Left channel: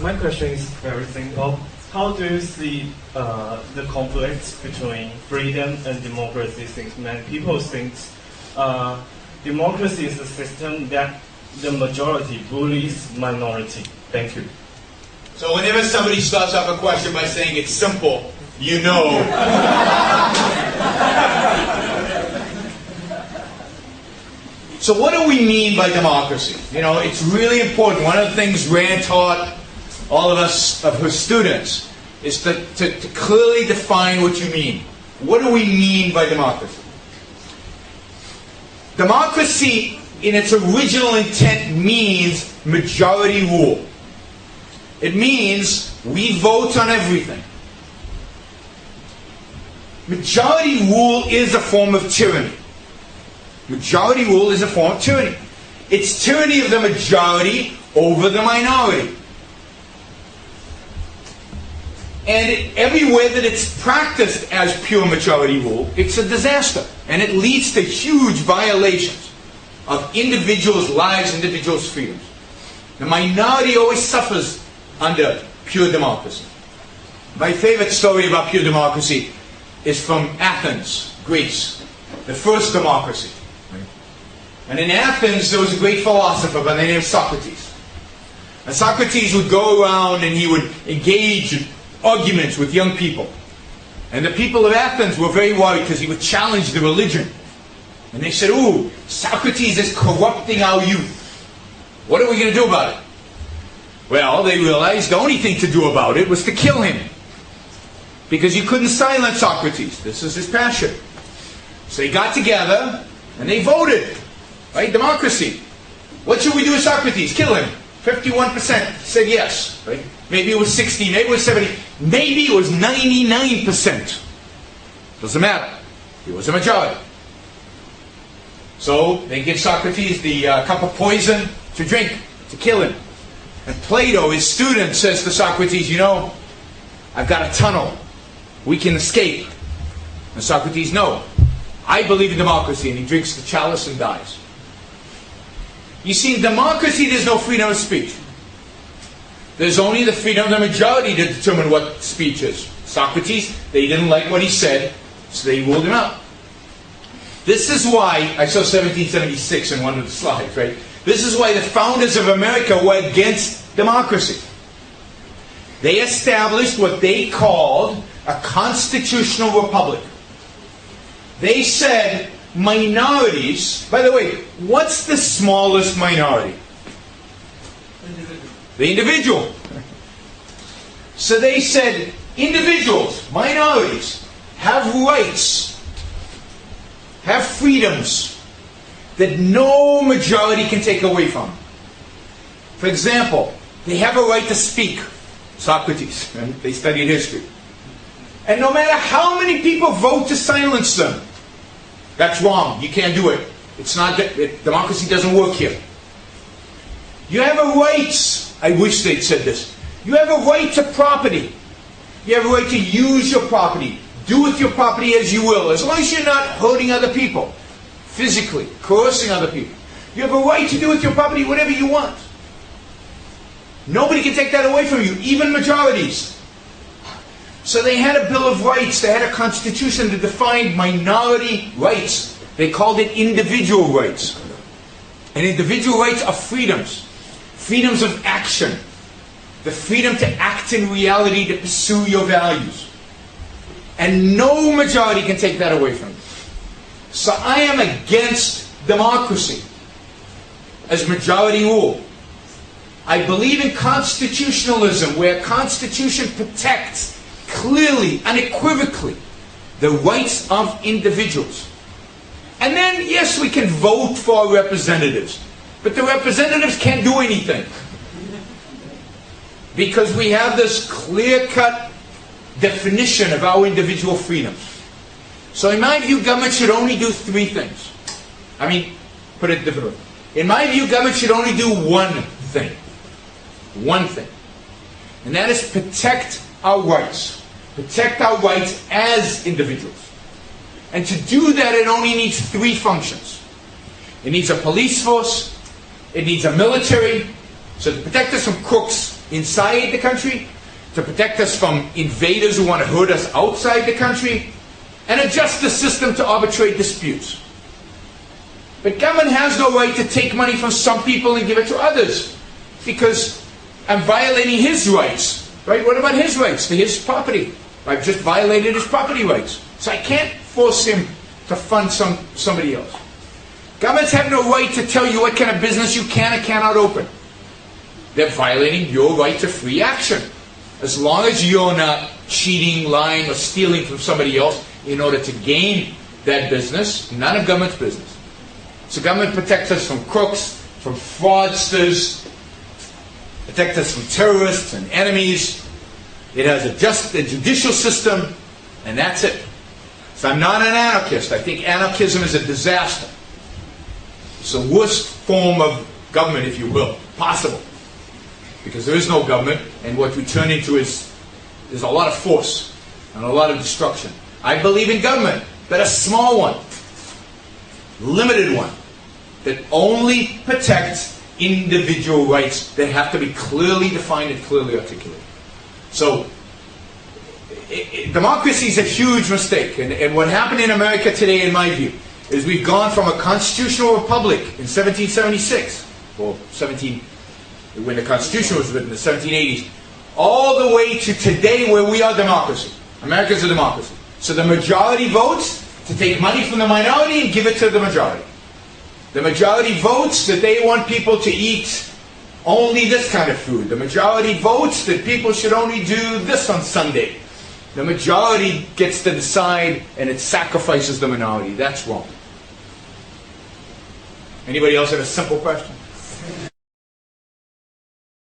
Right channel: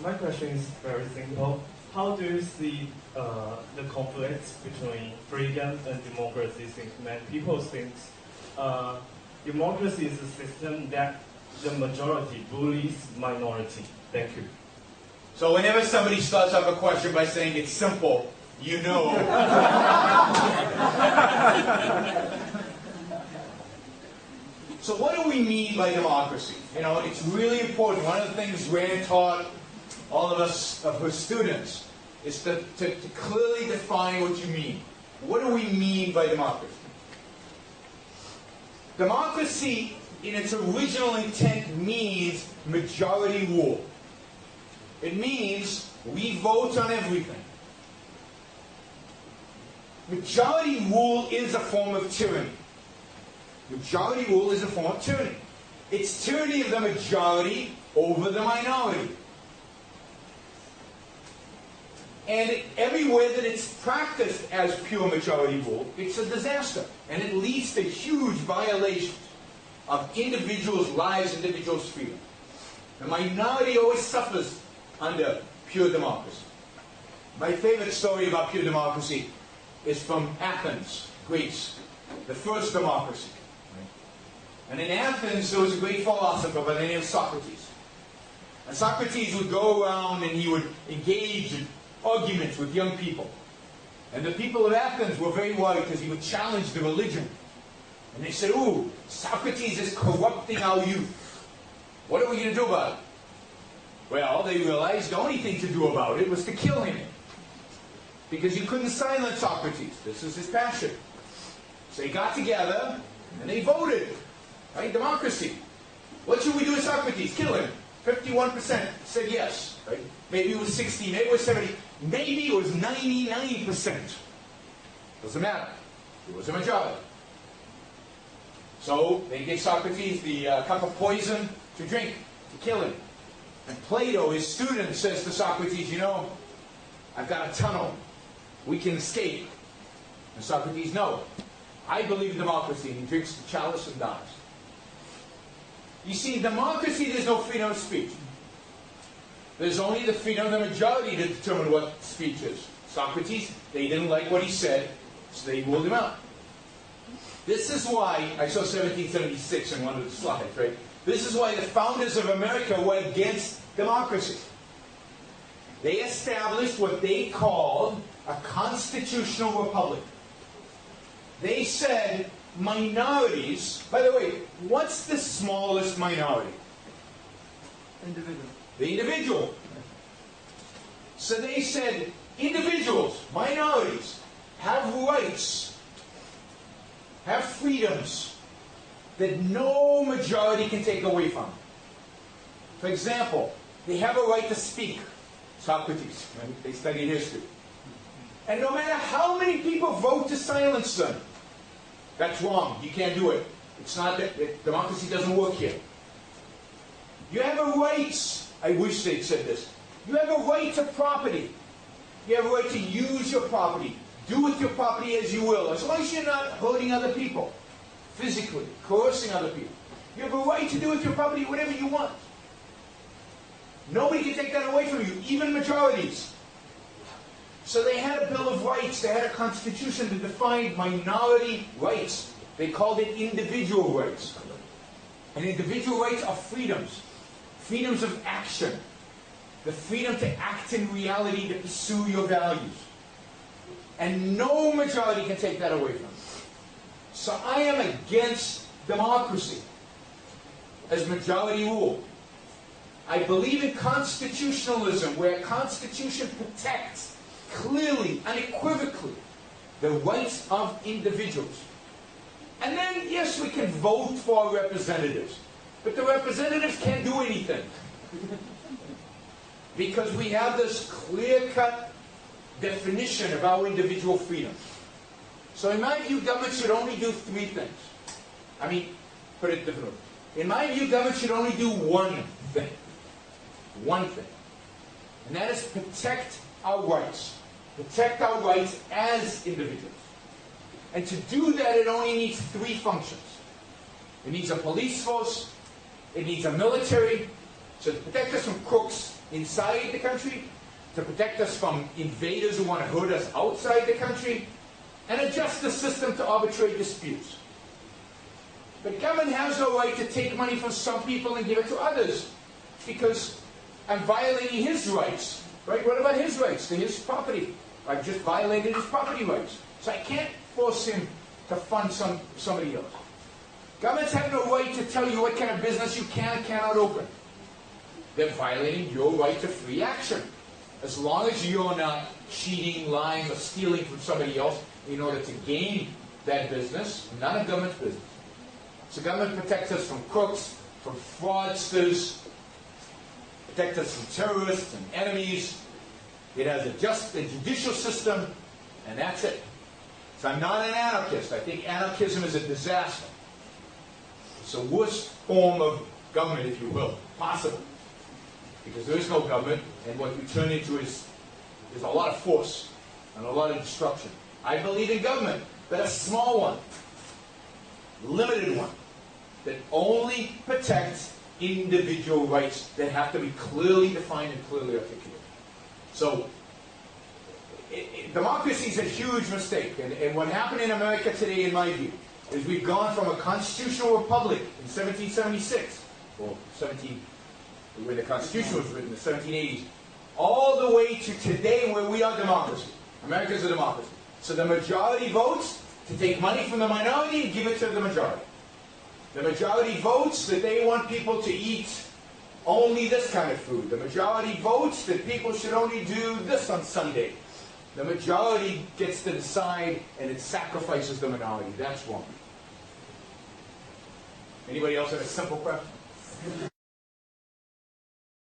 My question is very simple. How do you see the conflict between freedom and democracy, since many people think democracy is a system that the majority bullies minority? Thank you. So whenever somebody starts off a question by saying it's simple, you know. So what do we mean by democracy? You know, it's really important. One of the things Rand taught all of us, of her students, is to clearly define what you mean. What do we mean by democracy? Democracy, in its original intent, means majority rule. It means we vote on everything. Majority rule is a form of tyranny. Majority rule is a form of tyranny. It's tyranny of the majority over the minority. And everywhere that it's practiced as pure majority rule, it's a disaster. And it leads to huge violations of individuals' lives, individuals' freedoms. The minority always suffers under pure democracy. My favorite story about pure democracy is from Athens, Greece, the first democracy. And in Athens, there was a great philosopher by the name of Socrates. And Socrates would go around and he would engage in arguments with young people. And the people of Athens were very worried because he would challenge the religion. And they said, "Ooh, Socrates is corrupting our youth. What are we going to do about it?" Well, they realized the only thing to do about it was to kill him. Because you couldn't silence Socrates. This is his passion. So they got together and they voted. Right? Democracy. What should we do with Socrates? Kill him. 51% said yes. Right? Maybe it was 60, maybe it was 70, maybe it was 99%. Doesn't matter. It was a majority. So they give Socrates the cup of poison to drink, to kill him. And Plato, his student, says to Socrates, "You know, I've got a tunnel. We can escape." And Socrates, "No, I believe in democracy." And he drinks the chalice and dies. You see, in democracy, there's no freedom of speech. There's only the freedom of the majority to determine what speech is. Socrates, they didn't like what he said, so they ruled him out. This is why, I saw 1776 in one of the slides, right? This is why the founders of America were against democracy. They established what they called a constitutional republic. They said minorities, by the way, what's the smallest minority? The individual. So they said individuals, minorities, have rights, have freedoms that no majority can take away from them. For example, they have a right to speak. Socrates, right? They studied history. And no matter how many people vote to silence them, that's wrong. You can't do it. It's not democracy doesn't work here. You have a right. I wish they'd said this. You have a right to property. You have a right to use your property. Do with your property as you will, as long as you're not hurting other people, physically, coercing other people. You have a right to do with your property whatever you want. Nobody can take that away from you, even majorities. So they had a Bill of Rights, they had a constitution that defined minority rights. They called it individual rights. And individual rights are freedoms. Freedoms of action. The freedom to act in reality, to pursue your values. And no majority can take that away from you. So I am against democracy as majority rule. I believe in constitutionalism, where a constitution protects clearly, unequivocally, the rights of individuals. And then, yes, we can vote for representatives. But the representatives can't do anything. Because we have this clear-cut definition of our individual freedoms. So in my view, government should only do three things. I mean, put it differently. In my view, government should only do one thing. One thing. And that is protect our rights. Protect our rights as individuals. And to do that, it only needs three functions. It needs a police force. It needs a military, so to protect us from crooks inside the country, to protect us from invaders who want to hurt us outside the country, and a justice system to arbitrate disputes. But government has no right to take money from some people and give it to others, because I'm violating his rights, right? What about his rights to his property? I've just violated his property rights. So I can't force him to fund somebody else. Governments have no right to tell you what kind of business you can and cannot open. They're violating your right to free action. As long as you're not cheating, lying, or stealing from somebody else in order to gain that business, none of government's business. So government protects us from crooks, from fraudsters, protects us from terrorists and enemies. It has a judicial system, and that's it. So I'm not an anarchist. I think anarchism is a disaster. It's the worst form of government, if you will, possible. Because there is no government, and what we turn into is a lot of force and a lot of destruction. I believe in government, but a small one, limited one, that only protects individual rights that have to be clearly defined and clearly articulated. So, democracy is a huge mistake, and what happened in America today, in my view, is we've gone from a constitutional republic in 1776, or when the Constitution was written in the 1780s, all the way to today where we are democracy. America's a democracy. So the majority votes to take money from the minority and give it to the majority. The majority votes that they want people to eat only this kind of food. The majority votes that people should only do this on Sunday. The majority gets to decide, and it sacrifices the minority. That's wrong. Anybody else have a simple question?